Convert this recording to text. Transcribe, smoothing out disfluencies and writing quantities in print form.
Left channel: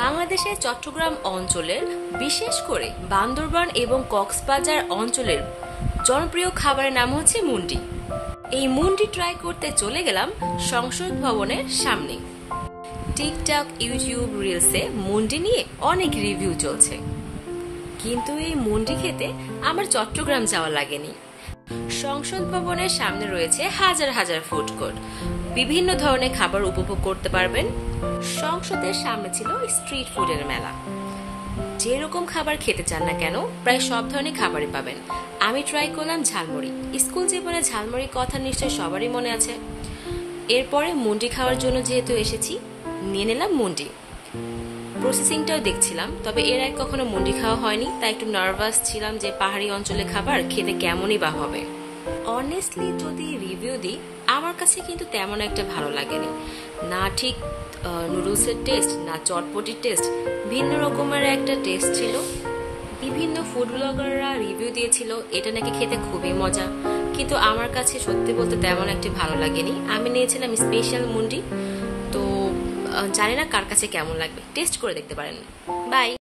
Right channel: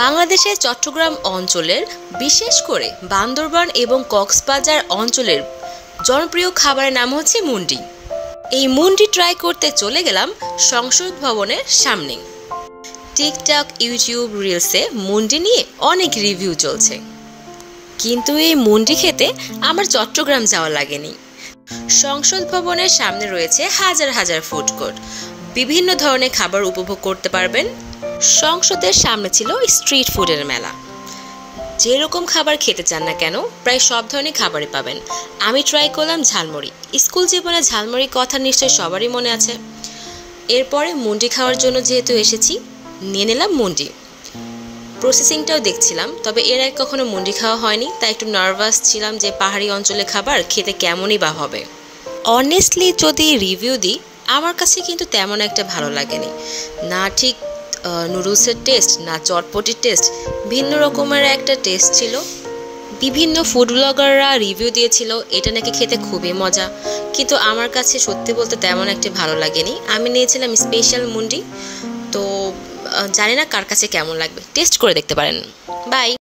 বাংলাদেশের চট্টগ্রাম অঞ্চলের, বিশেষ করে বান্দরবান এবং কক্সবাজার অঞ্চলের জনপ্রিয় খাবারের নাম হচ্ছে মুন্ডি। এই মুন্ডি ট্রাই করতে চলে গেলাম সংসদ ভবনের সামনে। টিকটক, ইউটিউব রিলসে মুন্ডি নিয়ে অনেক রিভিউ চলছে, কিন্তু এই মুন্ডি খেতে আমার চট্টগ্রাম যাওয়া লাগেনি। সংসদ ভবনের সামনে রয়েছে হাজার হাজার ফুড কোর্ট, বিভিন্ন ধরনের খাবার উপভোগ করতে পারবেন। সংসদের সামনে ছিল স্ট্রিট ফুডের মেলা। যেরকম খাবার খেতে চান না কেন, প্রায় সব ধরনের খাবারই পাবেন। আমি ট্রাই করলাম ঝালমুড়ি। স্কুল জীবনে ঝালমুড়ির কথা নিশ্চয়ই সবারই মনে আছে। এরপরে মুন্ডি খাওয়ার জন্য যেহেতু এসেছি, নিয়ে নিলাম মুন্ডি। প্রসেসিংটাও দেখছিলাম, তবে এর আগে কখনো মুন্ডি খাওয়া হয়নি, তাই একটু নার্ভাস ছিলাম যে পাহাড়ি অঞ্চলের খাবার খেতে কেমনই বা হবে। অনেস্টলি যদি রিভিউ দিই, আমার কাছে কিন্তু তেমন একটা ভালো লাগেনি। না ঠিক নুডলসের টেস্ট, না চটপটির টেস্ট, ভিন্ন রকমের একটা টেস্ট ছিল। বিভিন্ন ফুড ব্লগাররা রিভিউ দিয়েছিল এটা নাকি খেতে খুবই মজা, কিন্তু আমার কাছে সত্যি বলতে তেমন একটা ভালো লাগেনি। আমি নিয়েছিলাম স্পেশাল মুন্ডি, তো জানি না কার কাছে কেমন লাগবে, টেস্ট করে দেখতে পারেন। বাই।